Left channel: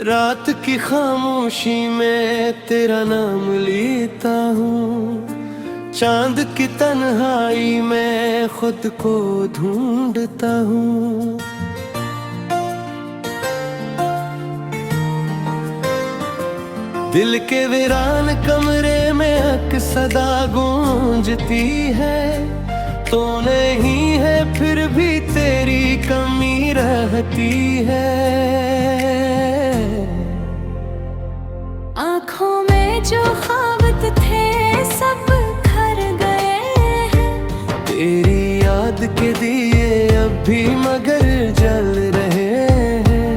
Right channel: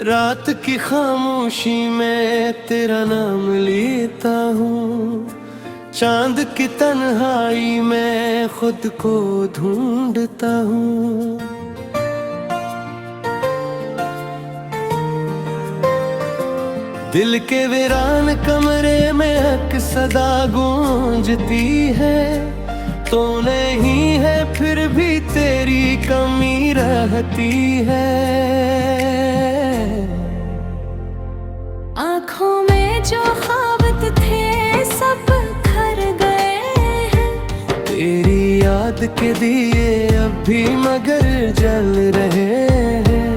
रात की खामोशी में तेरा नाम लेता हूँ, चांद की तन्हाई में खुद को ढूंढता हूँ। दिल के वीरान कमरे में हक सदा गूंजती है, तो नहीं है फिर भी तेरी कमी रहती है। आँखों में जो ख्वाब थे सब खर गए हैं, तेरी याद के दिए अब भी मगर जल रहे हैं।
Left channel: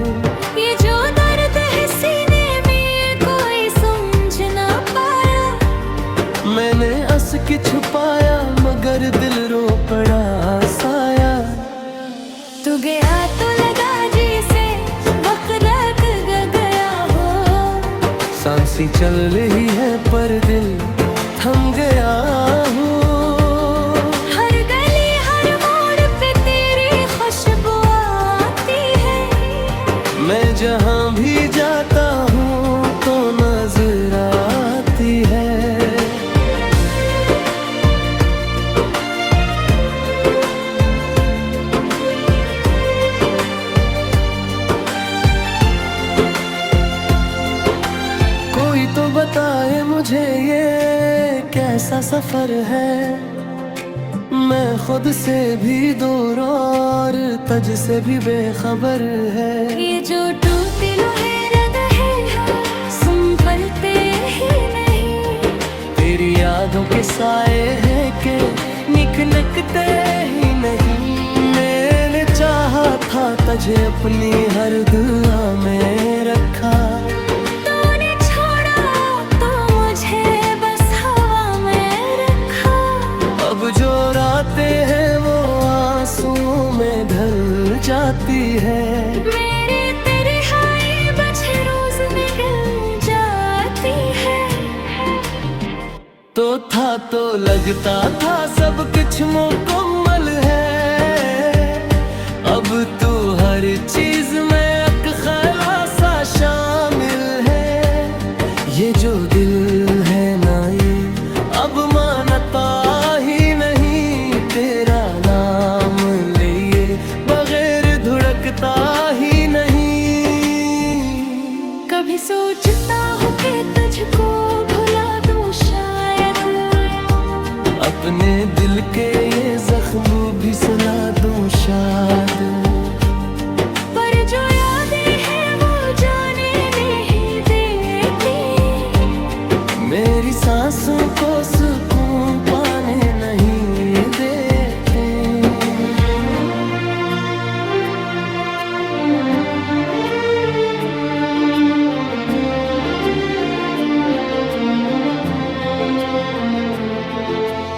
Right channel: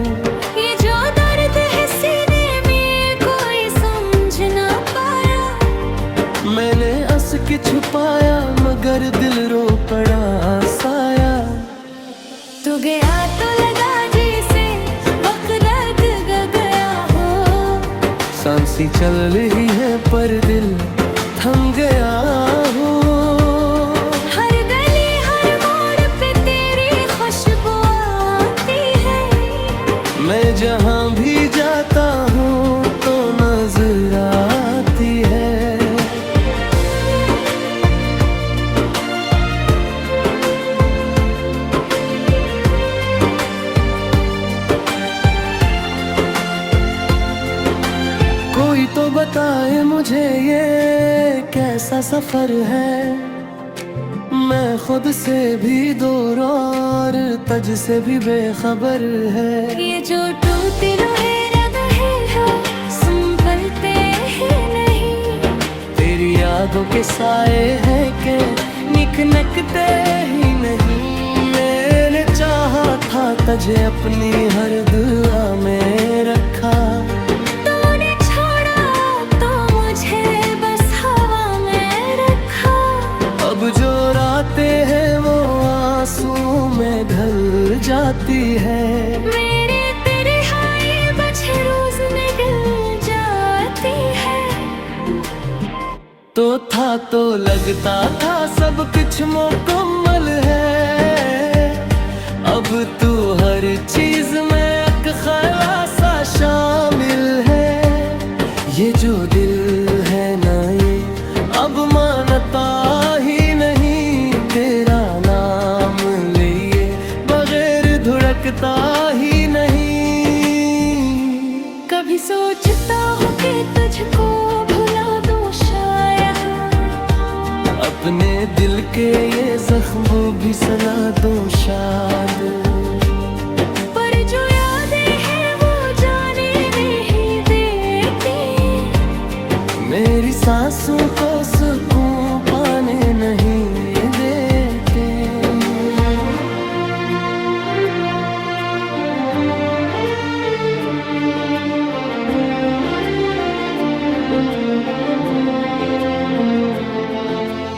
ये जो दर्द है सीने में कोई समझ ना पाया, मैंने हंस के छुपाया मगर दिल रो पड़ा साया। तू गया तो लगा जैसे वक्त गया हो, सांसें चल रही है पर दिल थम गया हो। हर गली हर मोड़ पे तेरी खुशबू आती है, मैं जहाँ भी जाता हूँ तो नजर आती है। कोई तो बताए मुझे ये कैसा सफर है, मैं खुद से भी दूर और तुझ से भी बेखबर है। ये जो टूटे लोहे रग है संभलते ही नहीं, तेरी यादों के साए हैं के निकनकते ही नहीं। मैंने चाहा था तुझे अपनी हर दुआ में रखा, अब जो रातें हैं वो आंसुओं में ढल जाती है। मेरी तेरी हाय बचे रोज निकल जाती है। तो लगता था सब कुछ मुकम्मल है, अब तू हर चीज में एक ख़लासा शामिल है। ये जो दिल है ना ये अब मानता ही नहीं, तेरा नाम लिए बगैर धुड़कता ही नहीं। कभी सोचता हूँ कि तुझको भुला दूँ शायद, अपने दिल के ये जख्म भी सुला दूँ शायद, पर जो यादें हैं वो जाने नहीं देती, मेरी सांसों को सुकून पाने नहीं देते।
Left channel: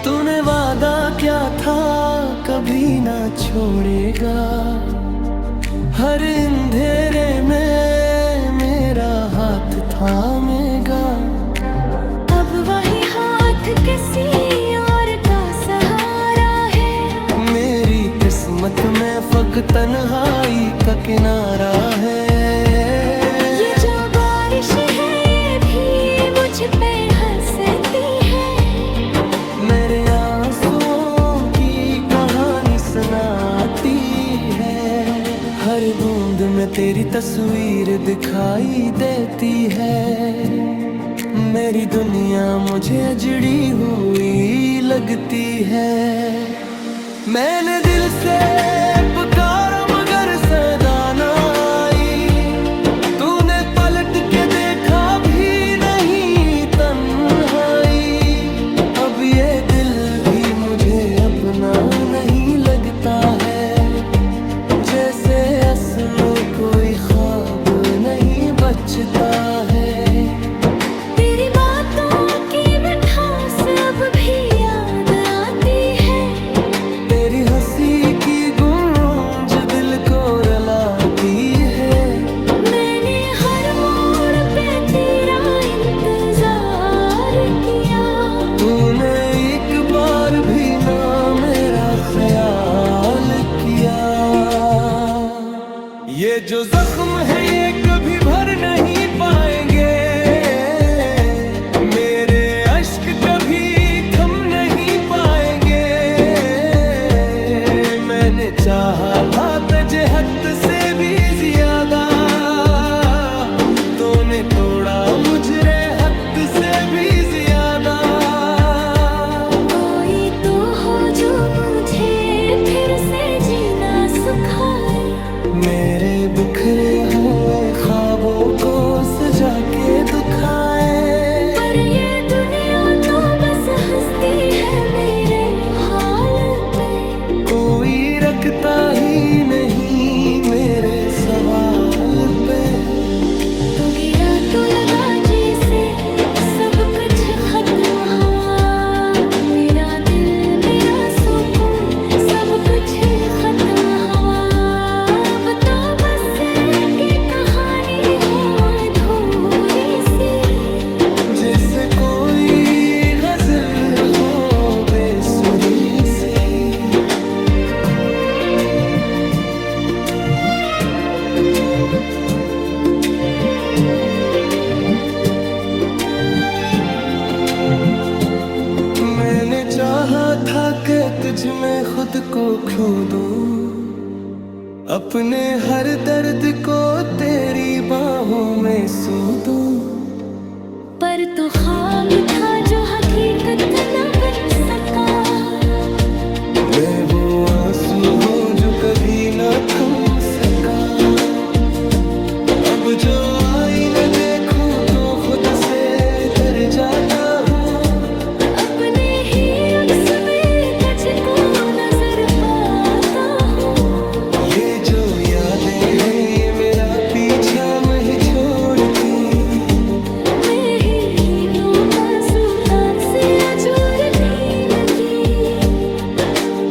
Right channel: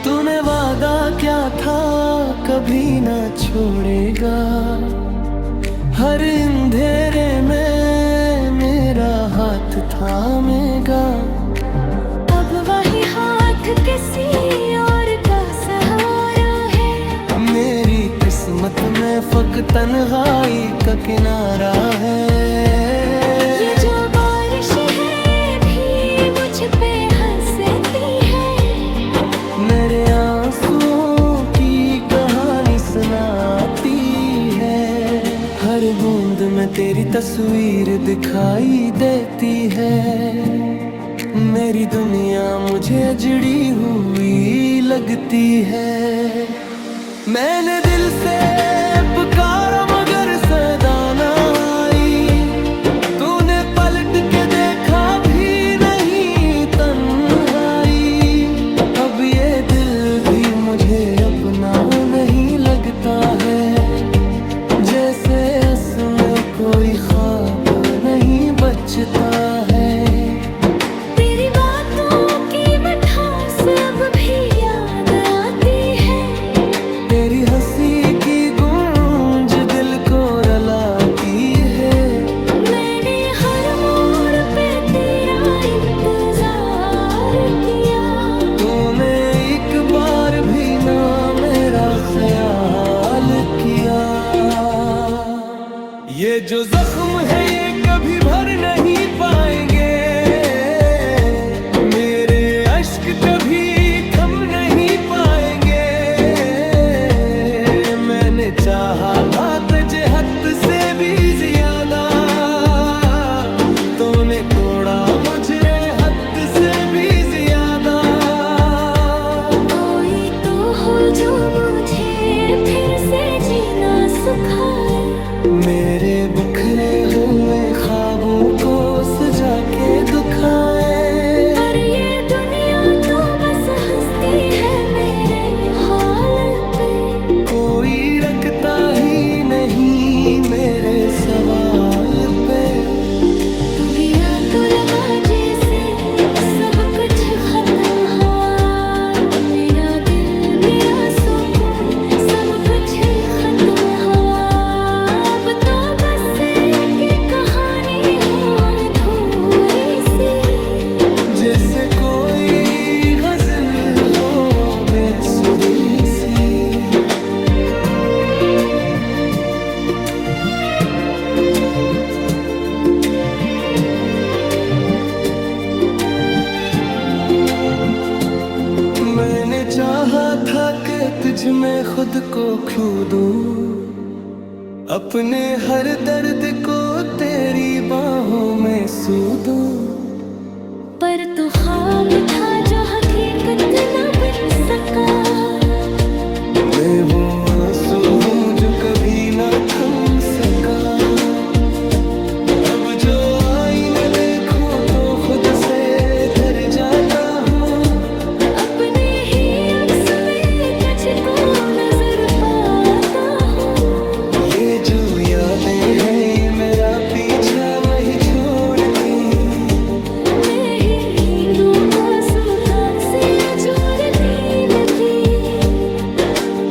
तूने वादा क्या था कभी ना छोड़ेगा, हर अंधेरे में मेरा हाथ थामेगा। अब वही हाथ किसी और का सहारा है, मेरी किस्मत में फकत तन्हाई का किनारा है। ये जो बारिश है ये भी मुझ पे हंसती है, मेरे आंसुओं की कहानी सुनाती है। हर बूंद में तेरी तस्वीर दिखाई देती है, मेरी दुनिया मुझे अजड़ी हुई लगती है। मैंने दिल से पुकारा मगर सदा ना आई, तूने पलट के देखा भी नहीं तन्हाई। अब ये दिल भी मुझे अपना नहीं लगता है, जैसे असमें कोई ख्वाब नहीं बचता है। तेरी बातों की मिठास अब भी याद आती है, तेरी हंसी की गूंज दिल को रुलाती है। मैंने हर मोड़ पे तेरा इंतजार किया, तूने एक बार भी ना मेरा ख्याल किया। ये जो जख्म है ये कभी भर नहीं पाएंगे, मेरे अश्क कभी थम नहीं पाएंगे। मैंने चाहा था तुझे हद से भी ज्यादा, तूने तोड़ा मुझे हद से भी ज्यादा। कोई तो हो जो मुझे फिर से जीना सिखाए, मेरे बिखरे हुए ख्वाबों को सजा के दुखाए। पर ये दुनिया तो बस हंसती है मेरे हाल पे, कोई रखता ही नहीं मेरे सवाल पे। तू गया तो लगा जैसे सब कुछ खत्म हुआ, मेरा दिल मेरा सुकून सब कुछ खत्म हुआ। अब तो बस एक कहानी हो अधूरी सी, जैसे कोई गजल हो बेसुरी सी। मैंने चाहा था कि तुझ में खुद को खो दूं, अपने हर दर्द को तेरी बाहों में सू दूं। पर तू ख्वाब था जो हकीकत न बन सका, मैं वो आंसू हूँ जो कभी ना थम सका। अब जो आईना देखूं तो खुद से डर जाता हूँ, अपने ही अक्स में कच को नजर पाता हूँ। ये जो यादें हैं ये मेरा पीछा नहीं छोड़ती, मैं ही दो मासूका से जोड़ती नदी।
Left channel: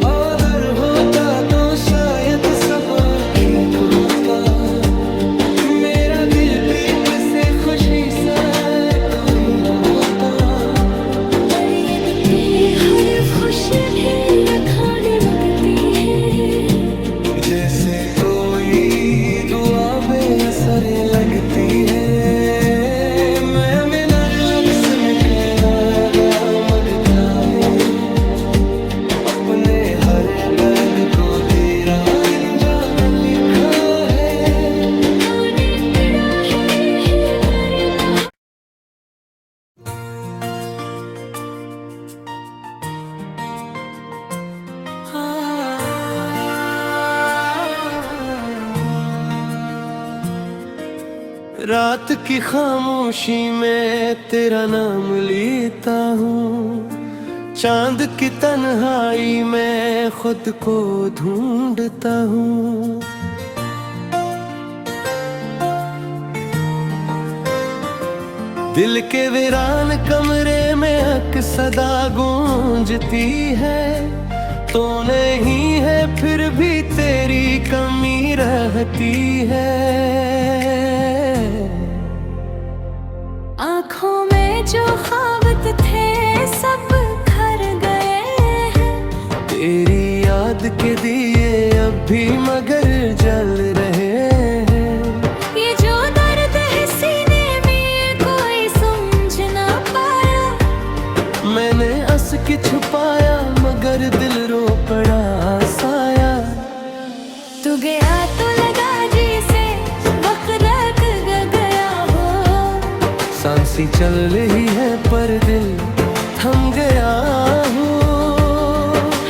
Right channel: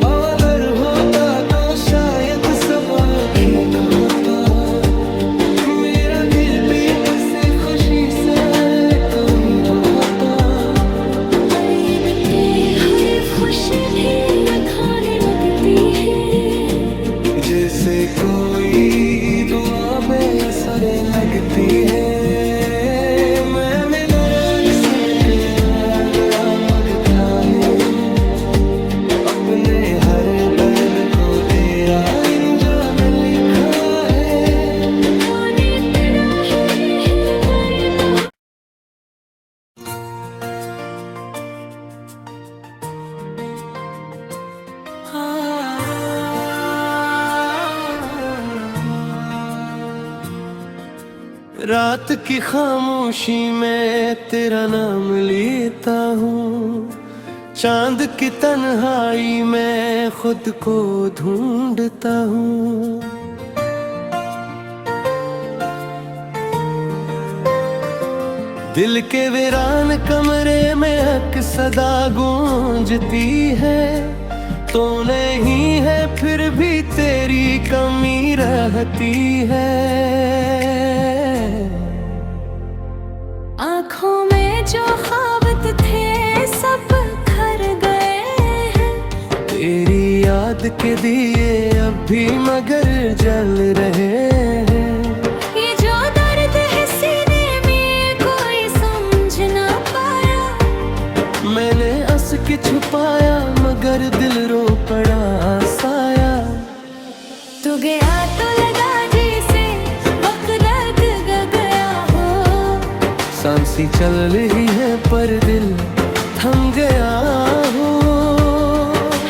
अगर होता तो शायद सब ठीक होता, मेरा दिल प्रीत से खुशी से कोई होता। पर ये हर खुशी भी खाने लगती है, जैसे कोई दुआ बेअसर लगती है। मैं मिनर लक्स में कयागा मगता है, अपने हर दर्द को तेरा इंजाम लिखा है। आने पड़ा ही करता। रात की खामोशी में तेरा नाम लेता हूँ, चांद की तन्हाई में खुद को ढूंढता हूँ। दिल के वीरान कमरे में हक सदा गूंजती है, तो नहीं है फिर भी तेरी कमी रहती है। आँखों में जो ख्वाब थे सब खर गए हैं, तेरी याद के दिए अब भी मगर जल रहे हैं। ये जो दर्द है सीने में कोई समझ ना पाया, मैंने हंस के छुपाया मगर दिल रो पड़ा साया। तू गया तो लगा जैसे वक्त गया हो, सांसें चल रही है पर दिल थम गया हो।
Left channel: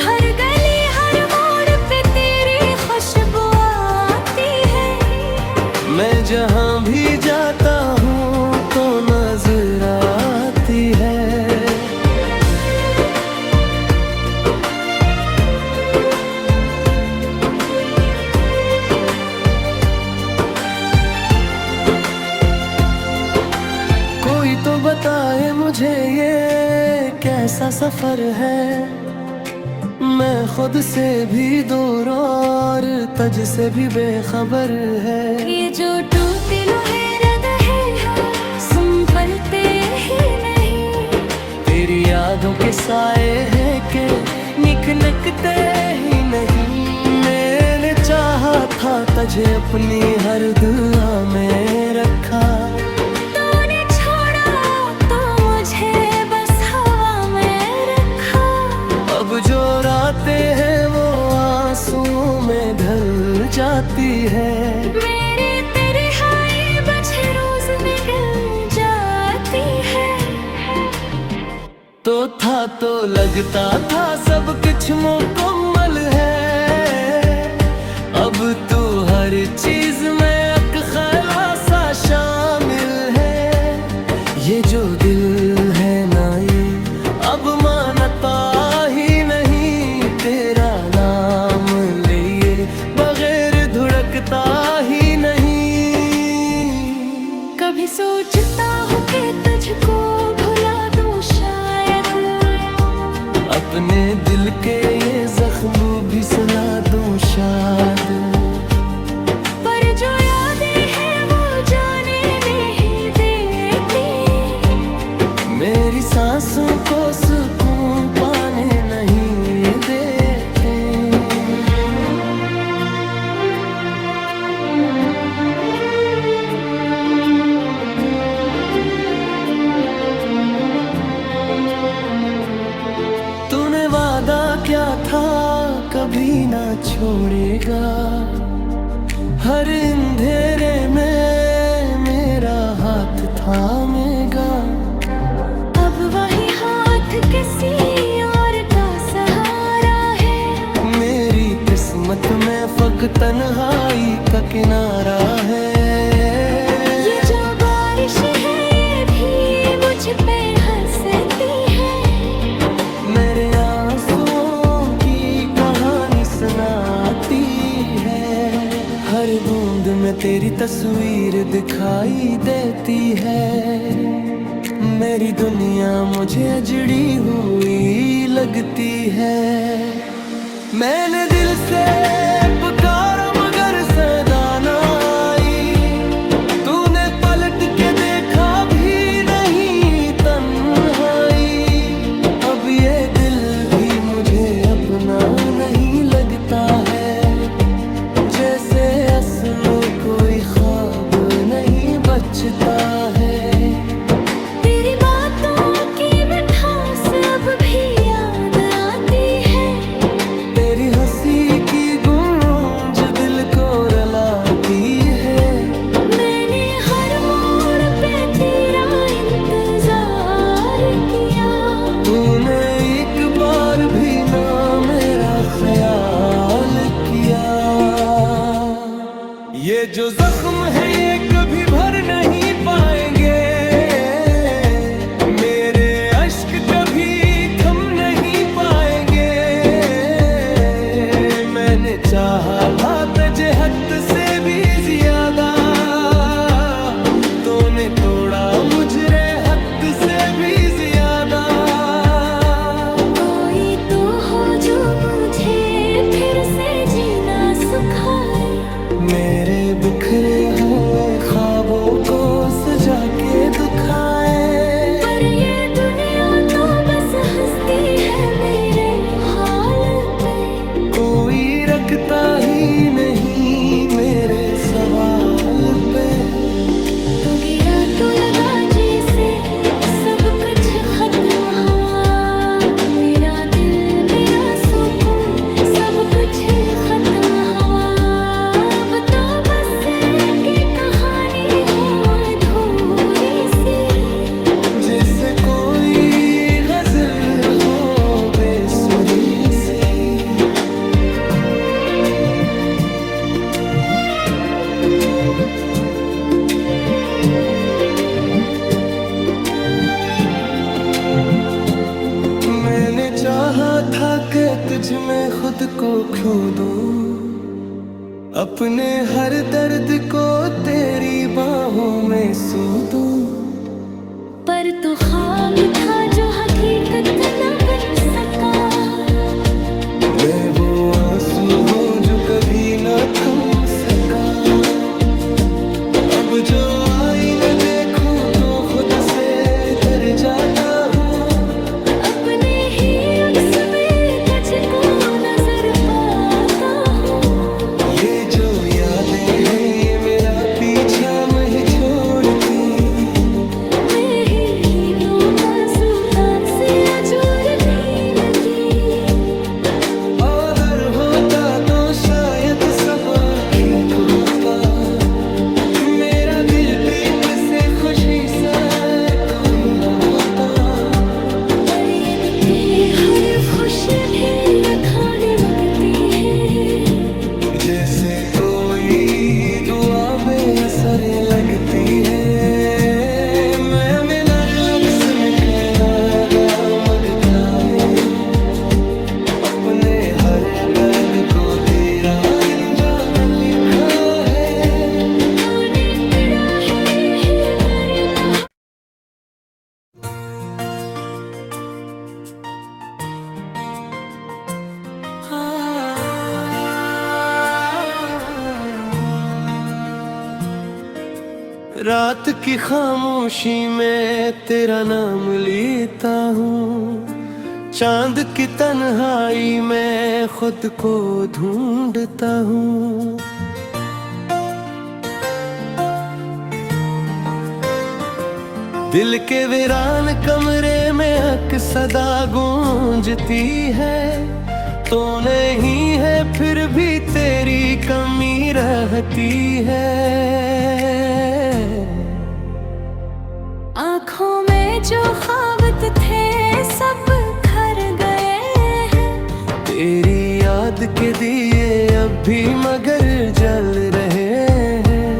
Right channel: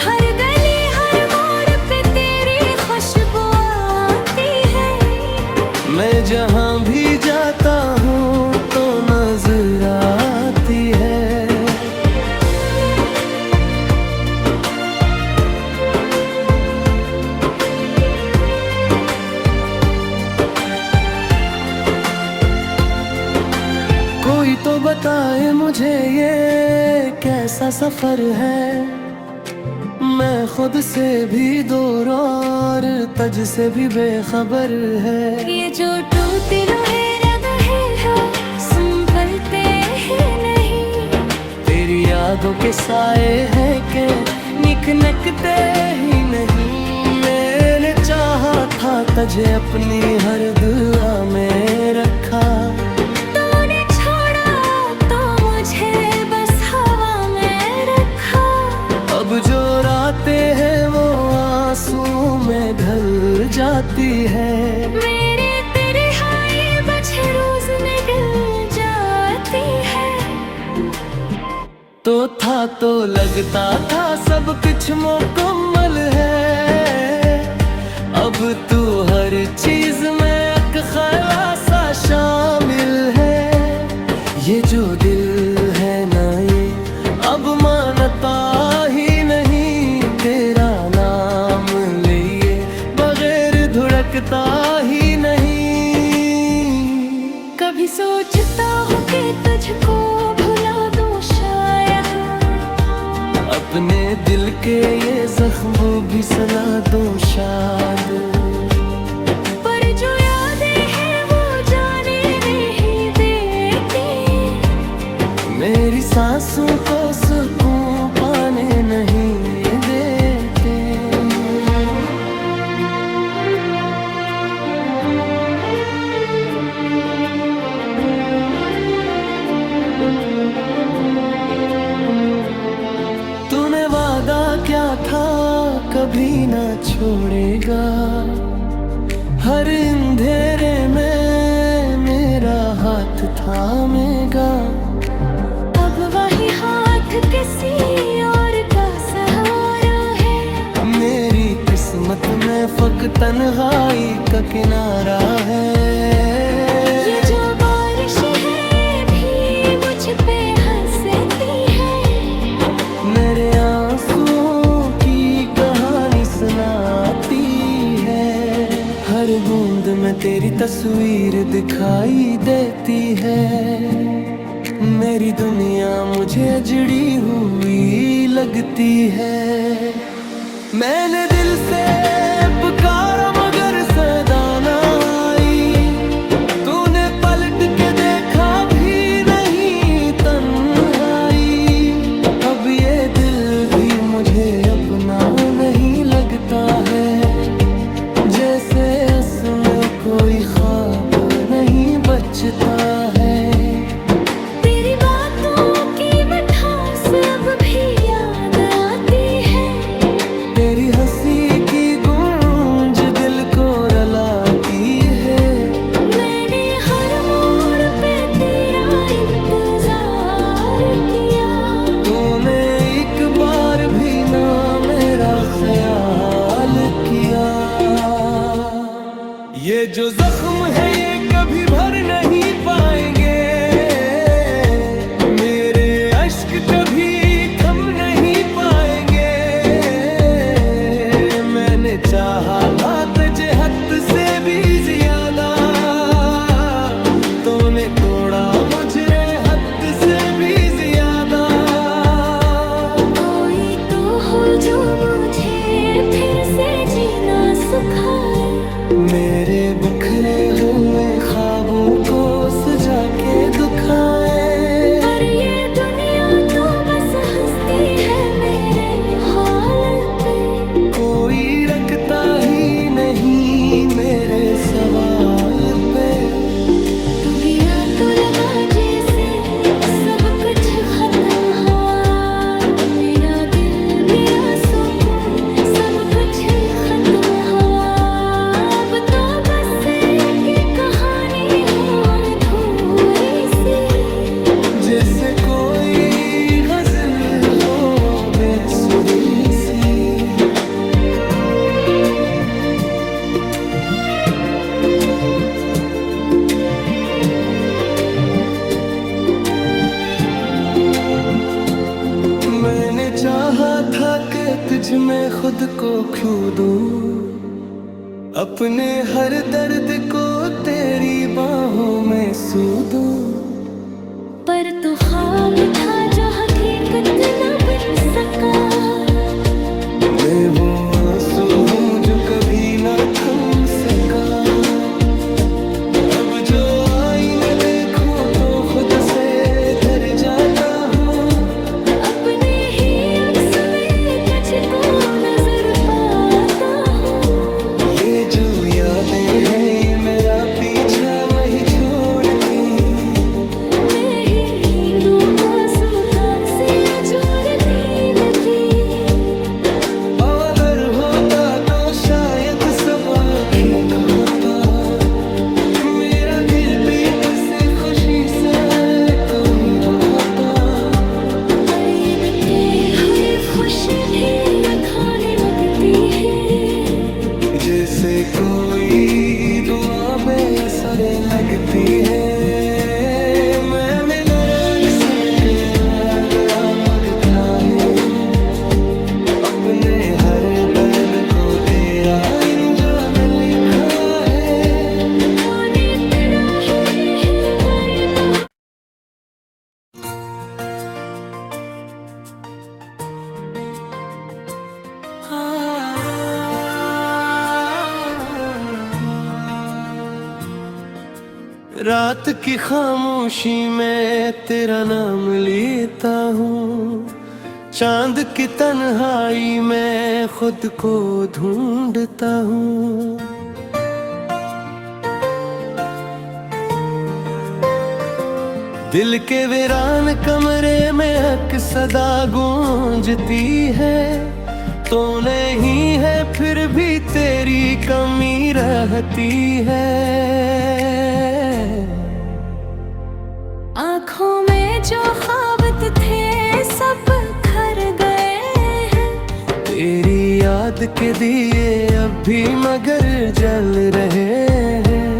हर गली हर मोड़ पे तेरी खुशबू आती है, मैं जहाँ भी जाता हूँ तो नजर आती है। कोई तो बताए मुझे ये कैसा सफर है, मैं खुद से भी दूर और तुझ से भी बेखबर है। ये जो टूटे लोहे रहे हैं संभलते ही नहीं, तेरी यादों के साए हैं के निकनकते ही नहीं। मैंने चाहा था तुझे अपनी हर दुआ में रखा। तूने छोड़ा तो मुझे बस हवा में रखा। अब जो रातें हैं वो आंसुओं में ढल जाती है। मेरी तेरी हाय बचे रोज निकल जाती है। तो था तो लगता था सब कुछ मुकम्मल है। अब तू हर चीज में एक खलासा शामिल है। ये जो दिल है ना ये अब मानता ही नहीं। तेरा नाम लिए बगैर धुड़कता ही नहीं। कभी सोचता हूँ कि तुझको भुला दूँ शायद। अपने दिल के ये जख्म भी सुला दूं शायद। पर जो यादें हैं वो जाने नहीं देती। मेरी सांसों को सुकून पाने नहीं देते। तूने वादा क्या था कभी ना छोड़ेगा। हर अंधेरे में मेरा हाथ थामेगा। अब वही हाथ किसी और का सहारा है। मेरी किस्मत में फक तन्हाई का किनारा है। ये जो बारिश है ये भी मुझ पे हंसती है। मेरे आंसुओं की कहानी सुनाती है। हर बूंद में तेरी तस्वीर दिखाई देती है। मेरी दुनिया मुझे अजड़ी हुई लगती है। मैंने दिल से पुकारा मगर सदा ना आई। तूने पलट के देखा भी नहीं तन्हाई। अब ये दिल भी मुझे अपना नहीं लगता है। जैसे असमें कोई ख्वाब नहीं बचता है। तेरी बातों की मिठास अब भी याद आती है। तेरी हंसी की गूंज दिल को रुलाती है। मैंने हर मोड़ पे तेरा इंतजार किया। तूने एक बार भी ना मेरा ख्याल किया। ये जो जख्म है ये कभी भर नहीं पाएंगे। मेरे अश्क कभी थम नहीं पाएंगे। मैंने चाहा था तुझे हद से भी ज्यादा। तूने तोड़ा मुझे हद से भी ज्यादा। कोई तो हो जो मुझे फिर से जीना सिखाए। मेरे बिखरे हुए ख्वाबों को सजा के दुखाए। पर ये दुनिया तो बस हंसती है मेरे हाल पे। कोई रखता ही नहीं मेरे सवाल पे। तू गया तो लगा जैसे सब कुछ खत्म हुआ। मेरा दिल मेरा सुकून सब कुछ खत्म हुआ। अब तो बस एक कहानी हो अधूरी सी। जैसे कोई गजल हो बेसुरी सी। मैंने चाहा था कि तुझ में खुद को खो दूं। अपने हर दर्द को तेरी बाहों में सू दूं। पर तू ख्वाब था जो हकीकत न बन सका। मैं वो आंसू हूँ जो कभी ना थम सका। अब जो आईना देखूं तो खुद से डर जाता हूँ। अपने ही अक्स में तुझको नजर पाता हूँ। ये जो यादें हैं ये मेरा पीछा नहीं छोड़ती। मैं ही नींदों मासूकान से अजूरती नदी। अगर होता तो शायद सब ठीक होता। मेरा दिल भी तुझसे खुशी से कोई होता। पर ये गुत्ते हर खुशी भी खाने लगती है। जैसे कोई दुआ बेअसर लगती है। मैं मिनर लक्स में कैदा मगता है। अपने हर दर्द को तेरा अंजाम लिखा है। आने तेरा ही करेगा। रात की खामोशी में तेरा नाम लेता हूँ। चांद की तन्हाई में खुद को ढूंढता हूँ। दिल के वीरान कमरे में हक सदा गूंजती है। तो नहीं है फिर भी तेरी कमी रहती है। आँखों में जो ख्वाब थे सब खर गए हैं। तेरी याद के दिए अब भी मगर जल रहे हैं।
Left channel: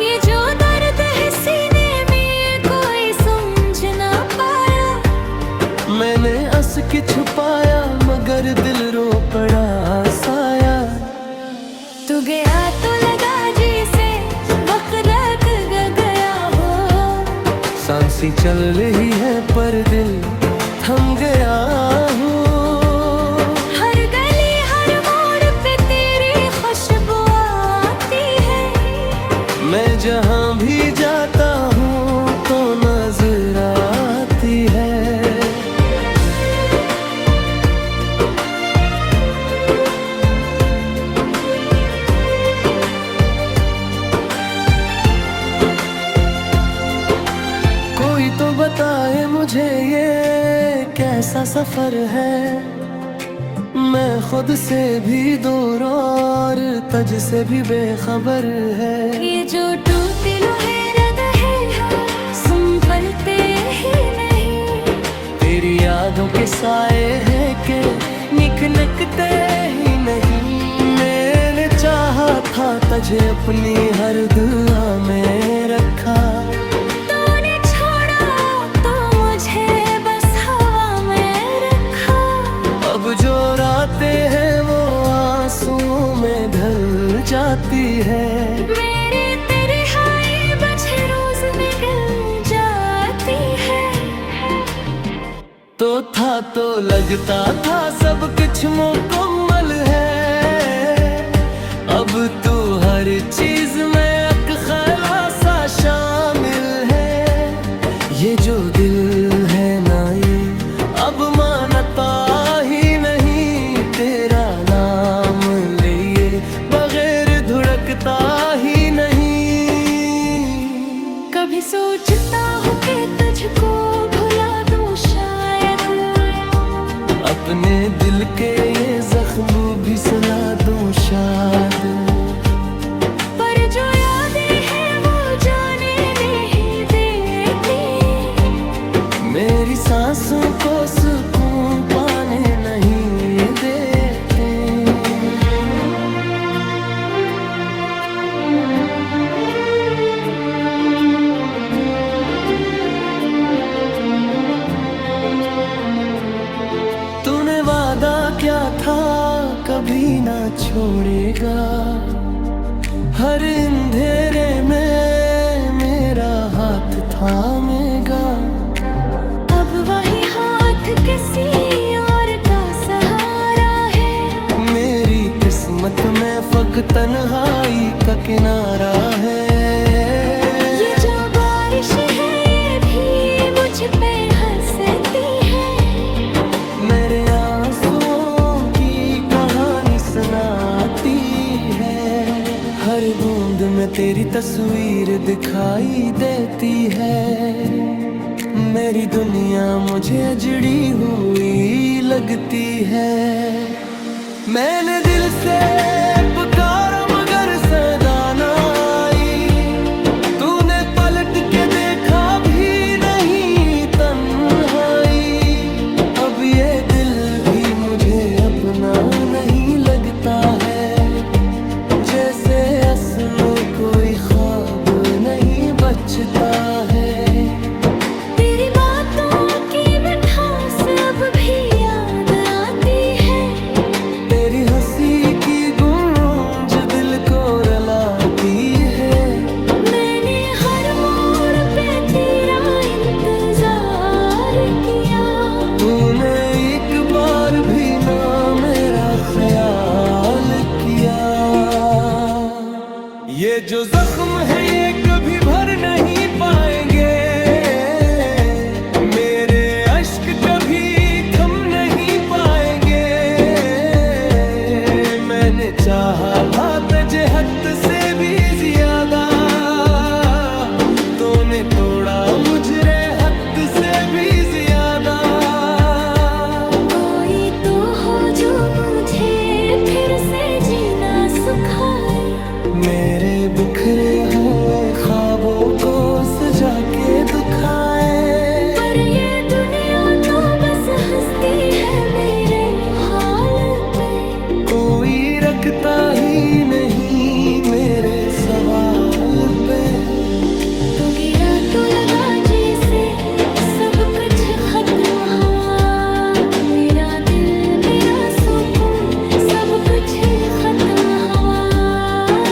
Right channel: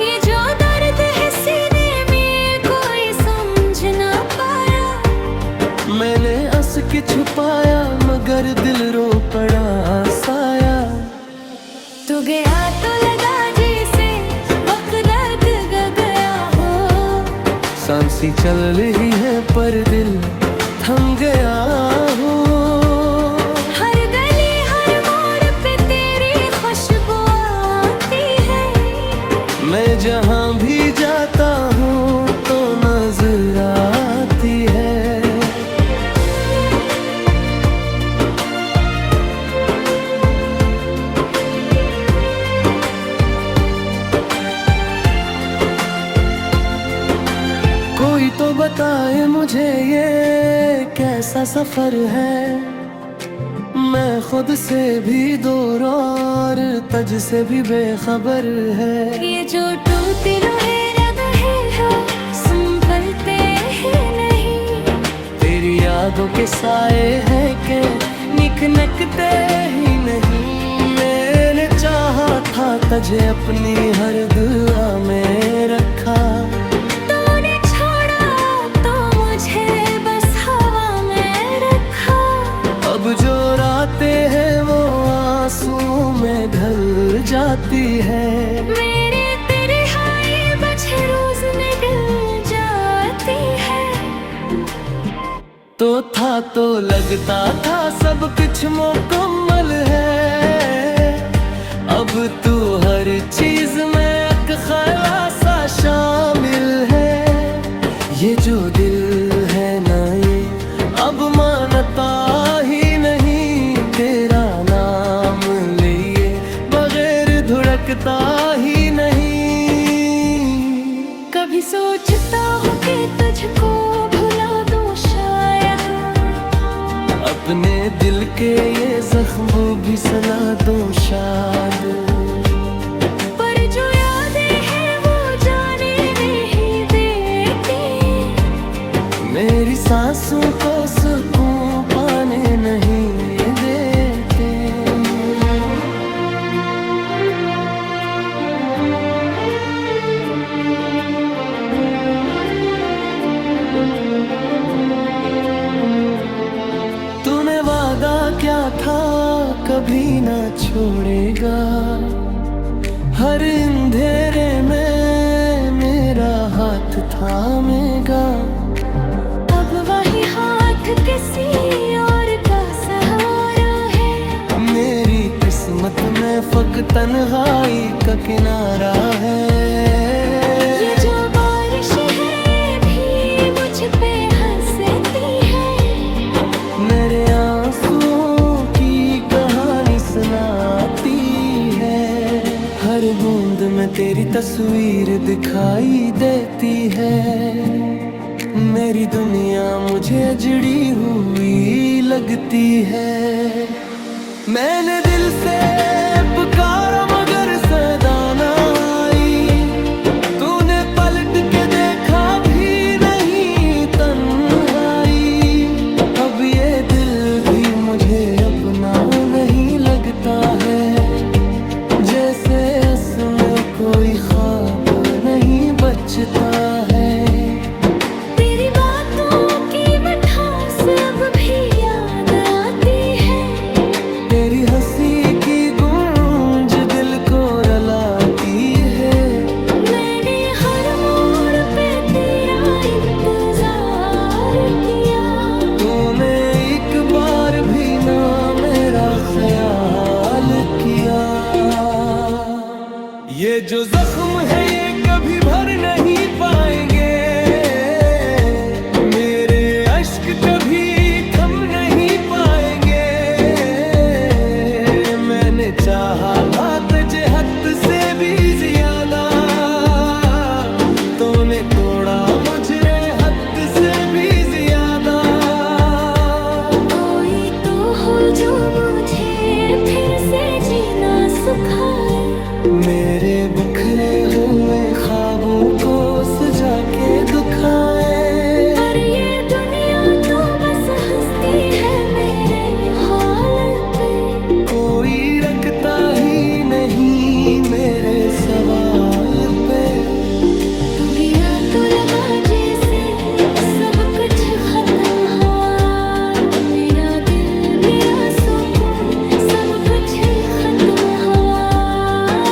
ये जो दर्द है सीने में कोई समझ ना पाया। मैंने हंस के छुपाया मगर दिल रो पड़ा साया। तू गया तो लगा जैसे वक्त लग गया हो। सांसें चल रही है पर दिल थम गया हो। हर गली हर मोड़ पे तेरी खुशबू आती है। मैं जहाँ भी जाता हूँ तो नजर आती है। कोई तो बताए मुझे ये कैसा सफर है। मैं खुद से भी दूर और तुझ से भी बेखबर है। ये जो टूटे लोहे रहे हैं संभलते ही नहीं। तेरी यादों के साए हैं कि निकनकते ही नहीं। मैंने चाहा था तुझे अपनी हर दुआ में रखा। तूने छोड़ा तो मुझे बस हवा में रखा। अब जो रातें हैं वो आंसुओं में ढल जाती है। मेरे तेरे हाय बचे रोज निकल जाती है। तो लगता था सब कुछ मुकम्मल है। अब तू हर चीज में एक खलासा शामिल है। ये जो दिल है ना ये अब मानता ही नहीं। तेरा नाम लिए बगैर धुड़कता ही नहीं। कभी सोचता हूँ कि तुझको भुला दूँ शायद। अपने दिल के ये जख्म भी सुला दूं शायद। पर जो यादें हैं वो जाने नहीं देती। मेरी सांसों को सुकून पाने नहीं देते। तूने वादा क्या था कभी ना छोड़ेगा। हर अंधेरे में मेरा हाथ थामेगा। अब वही हाथ किसी और का सहारा है। मेरी किस्मत में फकत तन्हाई का किनारा है। ये जो बारिश है ये भी मुझ पे हंसती है। मेरे आंसुओं में तेरी तस्वीर दिखाई देती है। मेरी दुनिया मुझे अजड़ी हुई लगती है। मैंने दिल से पुकारा मगर सदा न आई। तूने पलट के देखा भी नहीं तन्हाई। अब ये दिल भी मुझे अपना नहीं लगता है। जैसे असमें कोई ख्वाब नहीं बचता है। तेरी बातों की मिठास अब भी याद आती है। तेरी हंसी की गूंज दिल को रुलाती है। मैंने हर मोड़ पे तेरा इंतजार किया। तूने एक बार भी ना मेरा ख्याल किया। ये जो जख्म है ये कभी भर नहीं पाएंगे। मेरे अश्क कभी थम नहीं पाएंगे। मैंने चाहा था तुझे हद से भी ज्यादा। तूने तोड़ा मुझे हद से भी ज्यादा। कोई तो हो जो मुझे फिर से जीना सिखाए। मेरे बिखरे हुए ख्वाबों को सजा के दुखाए। पर ये दुनिया तो बस हंसती है मेरे हाल पे। कोई रखता ही नहीं मेरे सवाल पे। तू गया तो लगा जैसे सब कुछ खत्म हुआ। मेरा दिल मेरा सुकून सब कुछ खत्म हुआ।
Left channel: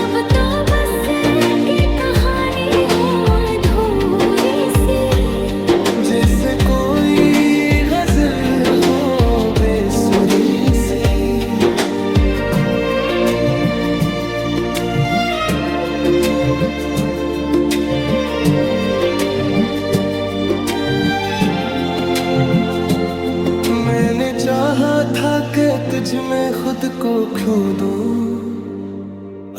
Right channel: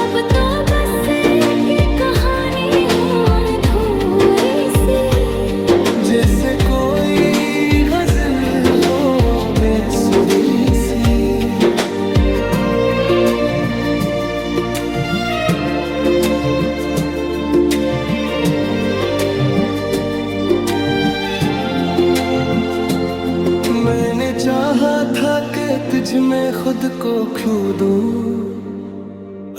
अब तो बस एक कहानी हो अधूरी सी। जैसे कोई गजल हो बेसुरी सी। मैंने चाहा था कि तुझ में खुद को खो दूं।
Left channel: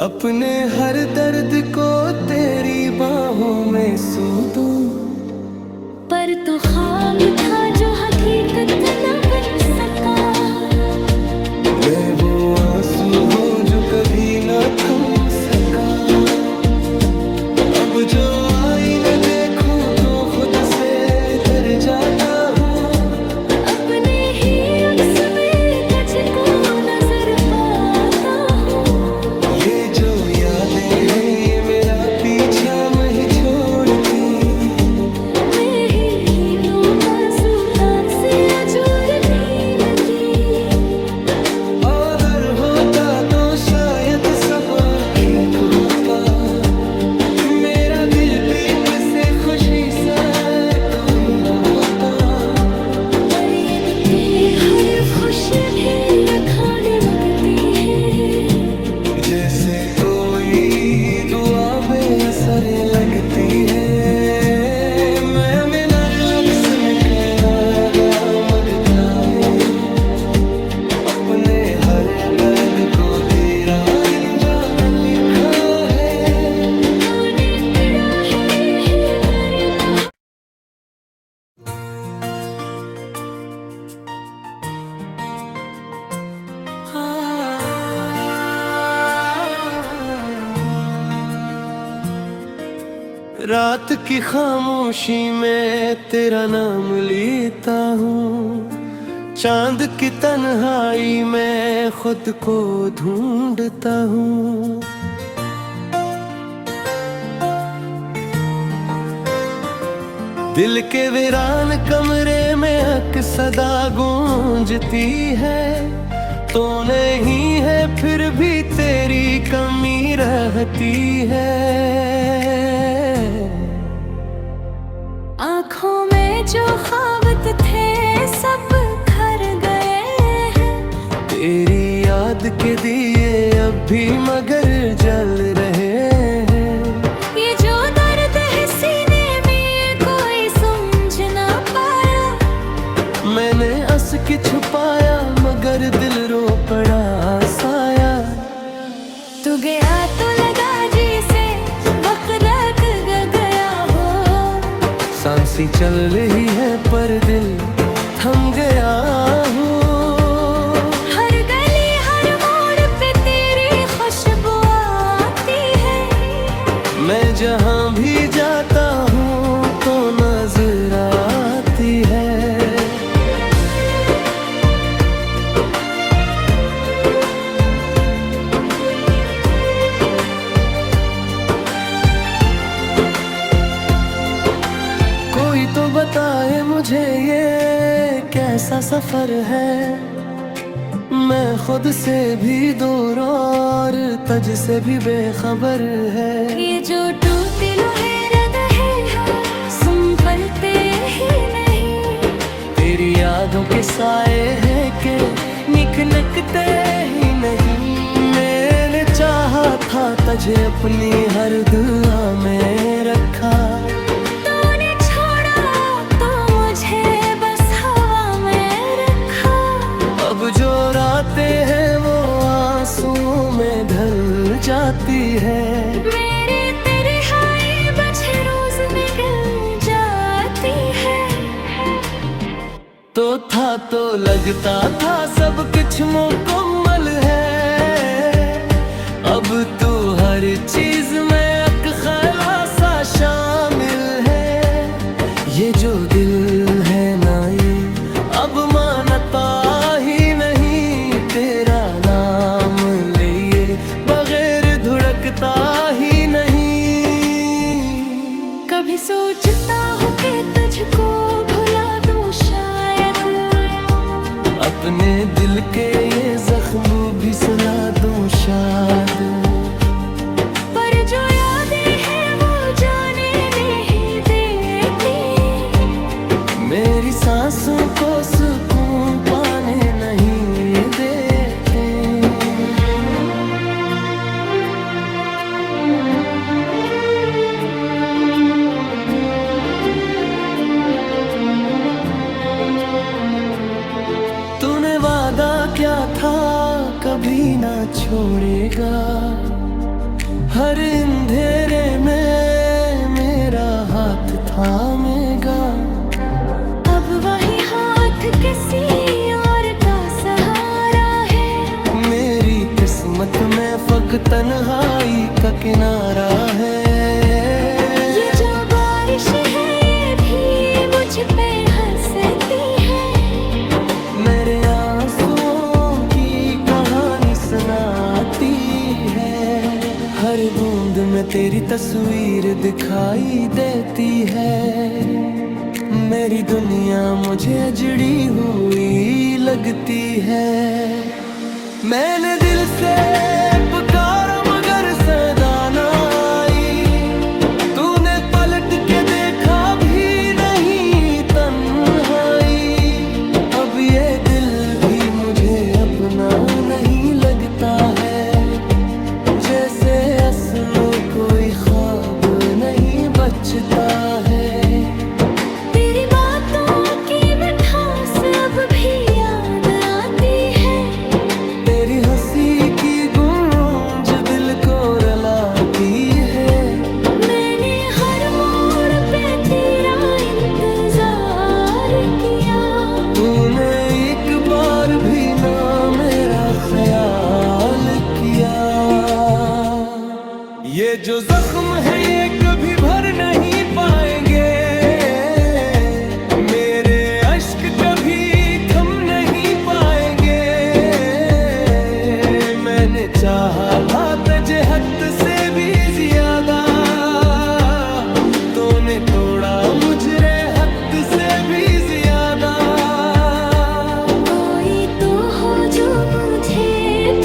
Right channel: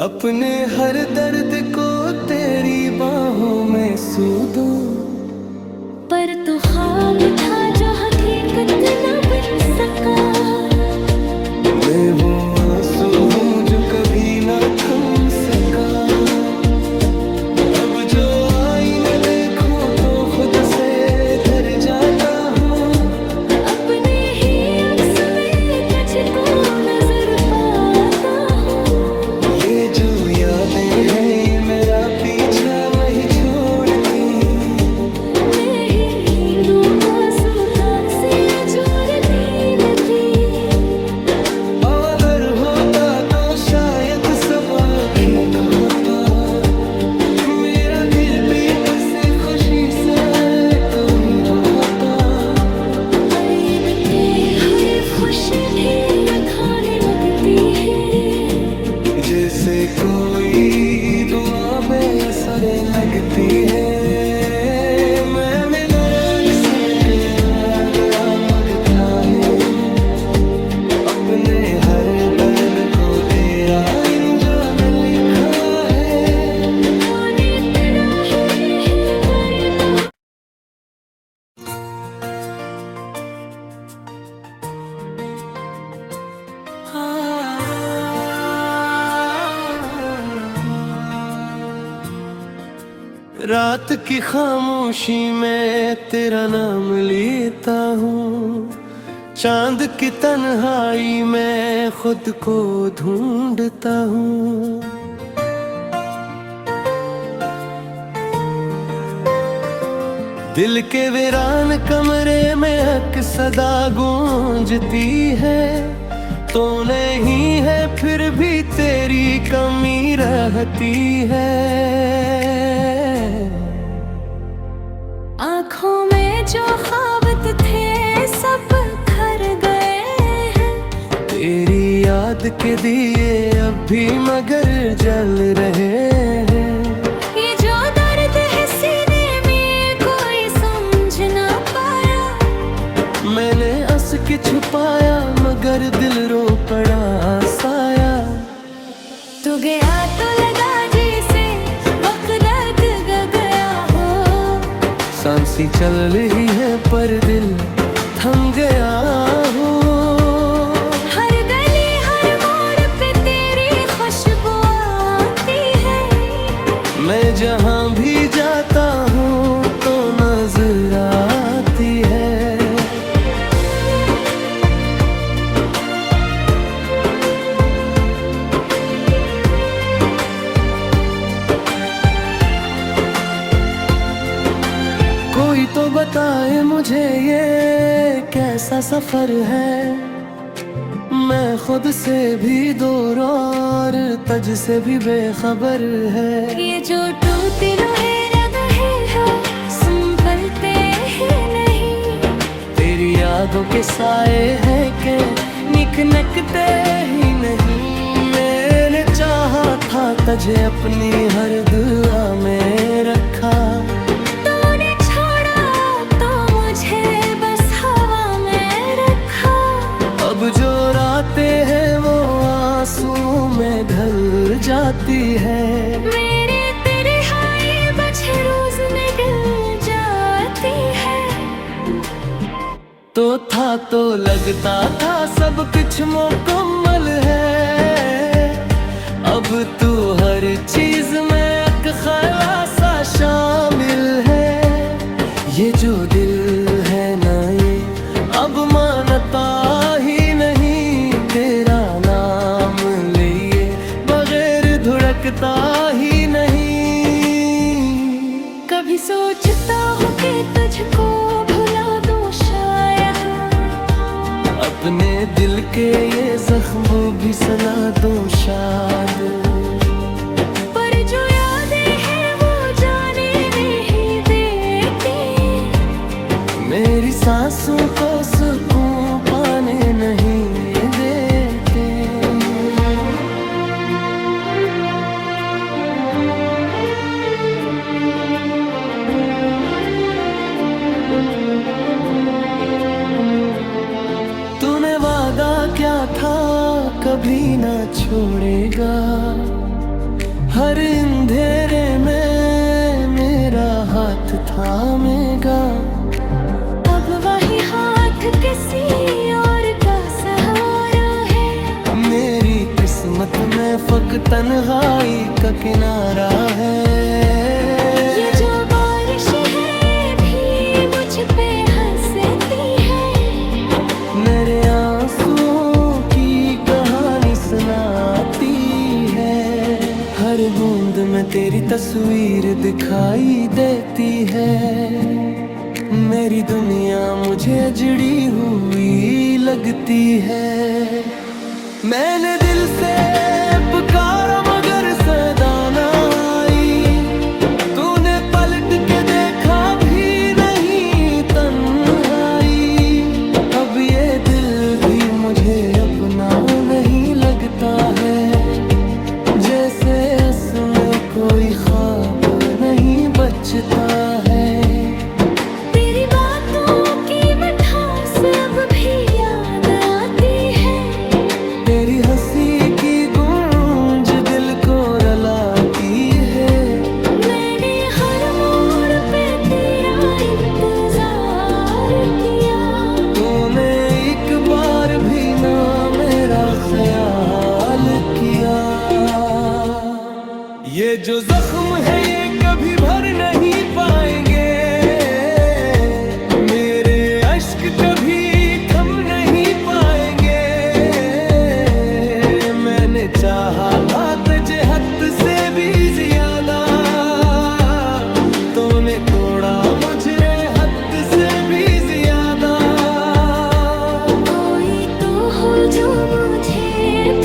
अपने हर दर्द को तेरी बाहों में सू दूं। पर तू ख्वाब था जो हकीकत न बन सका। मैं वो आंसू हूँ जो कभी न थम सका। अब जो आईना देखूं तो खुद से डर जाता हूँ। अपने ही अक्स में कच को नजर पाता हूँ। ये जो यादें हैं ये मेरा पीछा नहीं छोड़ती। मैं ही दो मासूका से जोड़ती नदी। अगर होता तो शायद सब ठीक होता। मेरा दिल बीत से खुशी से कोई होता। पर ये दुते हर खुशी भी अखाने लगती है। जैसे कोई दुआ बेअसर लगती है। मैं मिनर लक्स में कयादा मगता है। अपने हर दर्द को तेरा इंजाम लिखा है। आने पड़ा है ही करे बहा। रात की खामोशी में तेरा नाम लेता हूँ। चांद की तन्हाई में खुद को ढूंढता हूँ। दिल के वीरान कमरे में हक सदा गूंजती है। तो नहीं है फिर भी तेरी कमी रहती है। आँखों में जो ख्वाब थे सब खर गए हैं। तेरी याद के दिए अब भी मगर जल रहे हैं। ये जो दर्द है सीने में कोई समझ ना पाया। मैंने हंस के छुपाया मगर दिल रो पड़ा साया। तू गया तो लगा जैसे सी चल रही है पर दिल थम गया हूँ। हर गली हर मोड़ पे तेरी खुशबू आती है। मैं जहाँ भी जाता हूँ तो नजर आती है। कोई तो बताए मुझे ये कैसा सफर है। मैं खुद से भी दूर और तुझ से भी बेखबर है। ये जो टूटे लोहे रहे हैं संभलते ही नहीं। तेरी यादों के साए हैं के निकनकते ही नहीं। मैंने चाहा था तुझे अपनी हर दुआ में रखा। अब जो रातें हैं वो आंसुओं में ढल जाती है। मेरी तेरी हाय बजे रोज निकल जाती है। तो लगता था सब कुछ मुकम्मल है। अब तू हर चीज में एक ख्यासा शामिल है। ये जो दिल है ना ये अब मानता ही नहीं। तेरा नाम लिए बगैर धुड़कता ही नहीं। कभी सोचता हूँ कि तुझको भुला दूँ शायद। अपने दिल के ये जख्म भी सुला दूँ शायद। पर जो यादें हैं वो जाने नहीं देती। मेरी सांसों को सुकून पाने नहीं देते। तूने वादा क्या था कभी ना छोड़ेगा। हर अंधेरे में मेरा हाथ थामेगा। अब वही हाथ किसी और का सहारा है। मेरी किस्मत में फकत तन्हाई का किनारा है। ये जो बारिश है ये भी मुझ पे हंसती है। मेरे आंसुओं की कहानी सुनाती है। हर बूंद में तेरी तस्वीर दिखाई देती है। मेरी दुनिया मुझे अजड़ी हुई लगती है। मैंने दिल से पुकारा मगर सदा ना आई। तूने पलट के देखा भी नहीं तन्हाई। अब ये दिल भी मुझे अपना नहीं लगता है। जैसे असमें कोई ख्वाब नहीं बचता है। तेरी हंसी की गूंज दिल को रुलाती है। मैंने हर मोड़ पे तेरा इंतजार किया। तूने एक बार भी ना मेरा ख्याल किया। ये जो जख्म है ये कभी भर नहीं पाएंगे। मेरे अश्क कभी थम नहीं पाएंगे। मैंने चाहा था तुझे हद से भी ज्यादा। तूने तोड़ा मुझे हद से भी ज्यादा। कोई तो हो जो मुझे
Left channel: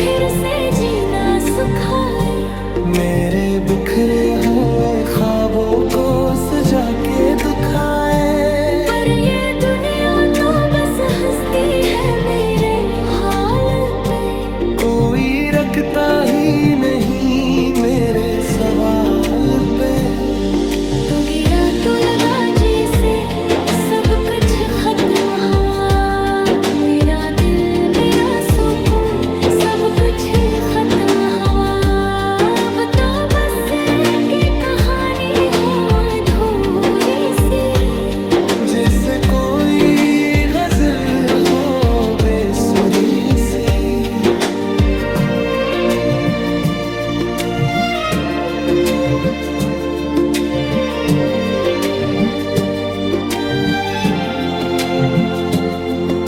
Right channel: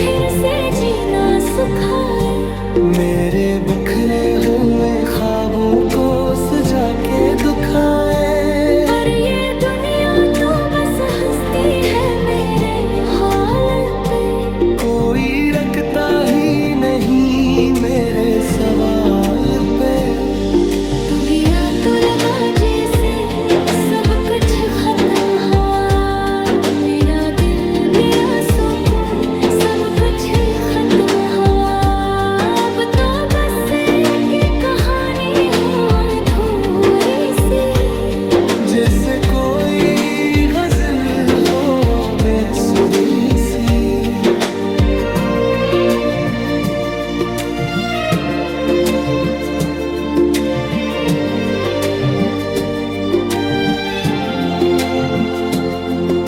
फिर से जीना सिखाए। मेरे बिखरे हुए ख्वाबों को सजा के दुखाए। पर ये दुनिया तो बस हंसती है मेरे हाल पे। कोई रखता ही नहीं मेरे सवाल पे। तू गया तो लगा जैसे सब कुछ खत्म हुआ। मेरा दिल मेरा सुकून सब कुछ खत्म हुआ। अब तो बस एक कहानी हो अधूरी सी। जैसे कोई गजल हो बेसुरी सी।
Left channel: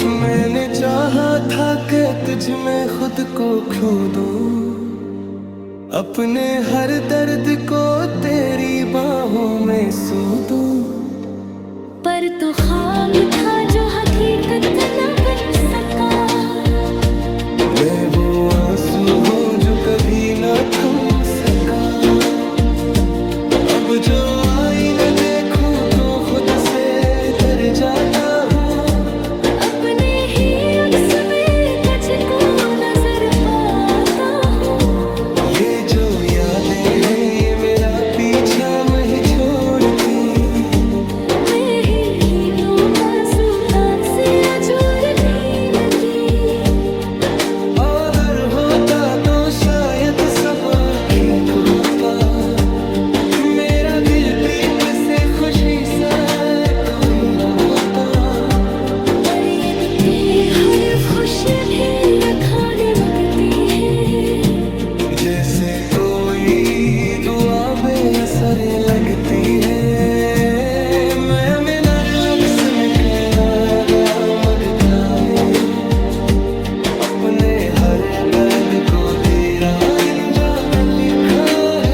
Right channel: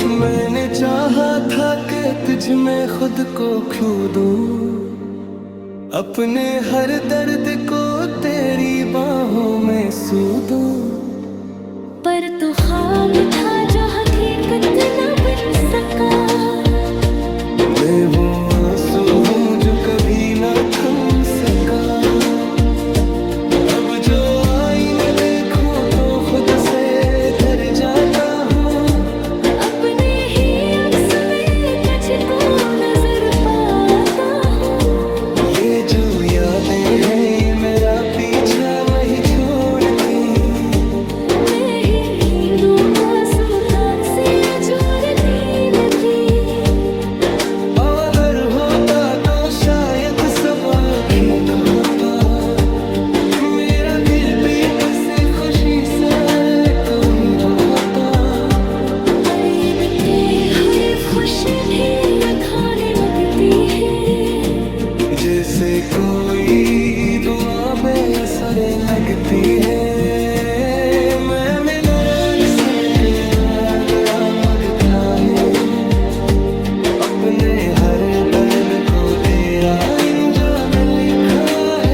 मैंने चाहा था कि तुझ में खुद को खो दूं, अपने हर दर्द को तेरी बाहों में सू दूं। पर तू ख्वाब था जो हकीकत न बन सका। मैं वो आंसू हूँ जो कभी ना थम सका। अब जो आईना देखूं तो खुद से डर जाता हूँ। अपने ही अक्स में कछ को नजर पाता हूँ। ये जो यादें हैं ये मेरा पीछा नहीं छोड़ती। मैं ही नींदों मासूकान से जोड़ती नदी। अगर होता तो शायद सब ठीक होता। मेरा दिल बीत से खुशी से कोई होता। पर ये दिखते हर खुशी भी खाने लगती है। जैसे कोई दुआ बेअसर लगती है। मैं मिनर लक्स में क्या मगता है। अपने हर दर्द को तेरा इंजाम लिखा है।